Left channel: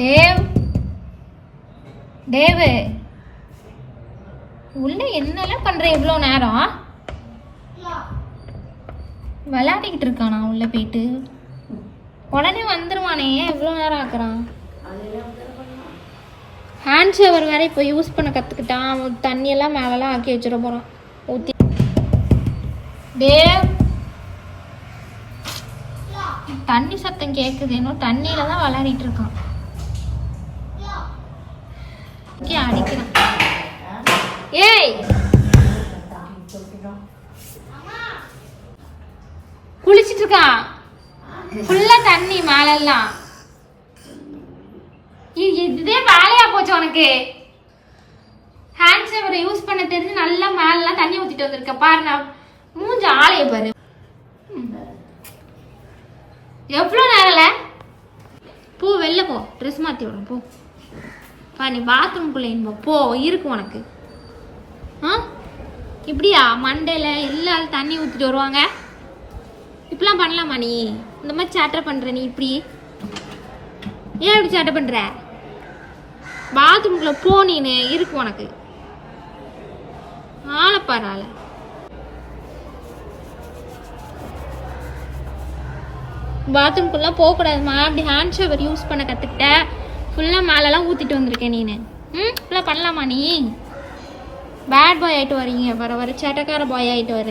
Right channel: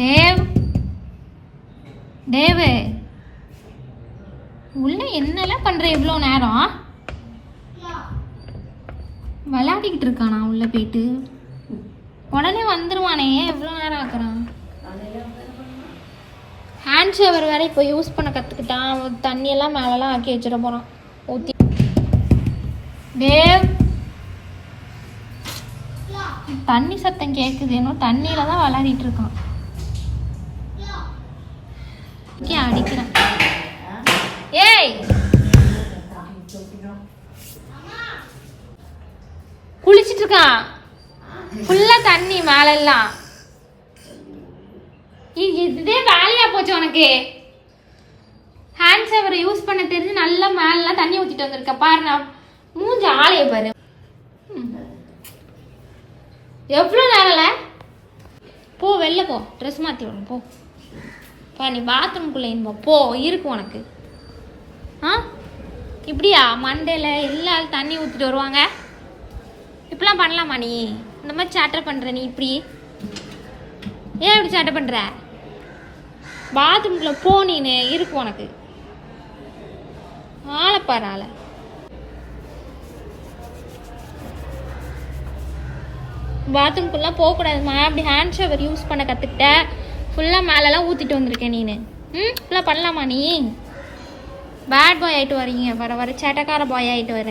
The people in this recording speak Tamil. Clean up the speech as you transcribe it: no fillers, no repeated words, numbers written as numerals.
தேவ் தேவு உள்ள என்னெல்லாம் பண்ற? எவ்வளோ நேரம் விளையாடிக்கிட்டு இருக்கானா? உள்ள போயிட்டு உடனே வந்துருவானே, எவ்வளோ நேரம் ஆக்குறான்? ஹேண்ட் ஷவர் வேற இப்போ யூஸ் பண்ண கற்றுக்கிட்டான். தண்ணியெல்லாம் மேலெல்லாம் ஆக்கி வச்சிட போகிறான் ஊற்றி. தேவ் தண்ணி சத்தம் கேட்குது, இன்னும் தண்ணியில தான் விளையாடிட்டு இருக்கான். அடிக்கிறேன். ஏய் குளிச்சிட்டு இருக்கான். ஃபுல்லா தண்ணி மேலெல்லாம். இதே வேலையா போச்சு உனக்கு? ஹேண்ட் ஷவரை யூஸ் பண்ண தெரிஞ்சு நல்லா மேலெல்லாம் தண்ணி ஊத்திட்டு வந்திருக்க பாரு. நான் மூஞ்சி ஆளைய பாரு. எவ்வளோ நேரம்ல? போ வெளில போ, ட்ரெஸ் மாற்றி விடும் போ. நீ பாத்ரூம்குள்ளே போ, இருக்கு உனக்கு. இப்படியா மண்டேல இல்லாத தண்ணி ஊற்றிட்டு வருவாங்க? இப்படிலாம் பண்ணலாமா நீ? இந்த மாதிரி சேட்டை பண்ணுற நீ? இப்படி ஏன் இப்படி சேட்டை பண்ணுற? பாத்ரூம்குள்ளே போ, நீனு இருக்கு உனக்கு. ஆளப்பாரு ஆளை. பாத்ரூம்குள்ளே போகக்கூடாதுமா. அப்படி ஹேண்ட் ஷவர் யூஸ் பண்ண கற்றுக்கிட்ட. ஃபுல்லாக மேலெல்லாம் ஊற்றிட்டு வந்திருக்கேன் நீனு. இப்படிலாம் பண்ணலாமா நீ? பேட் பாய் ஆகிட்டு வரீங்க, வர வர சேட்டக்கார பாய் ஆகிட்டு வர.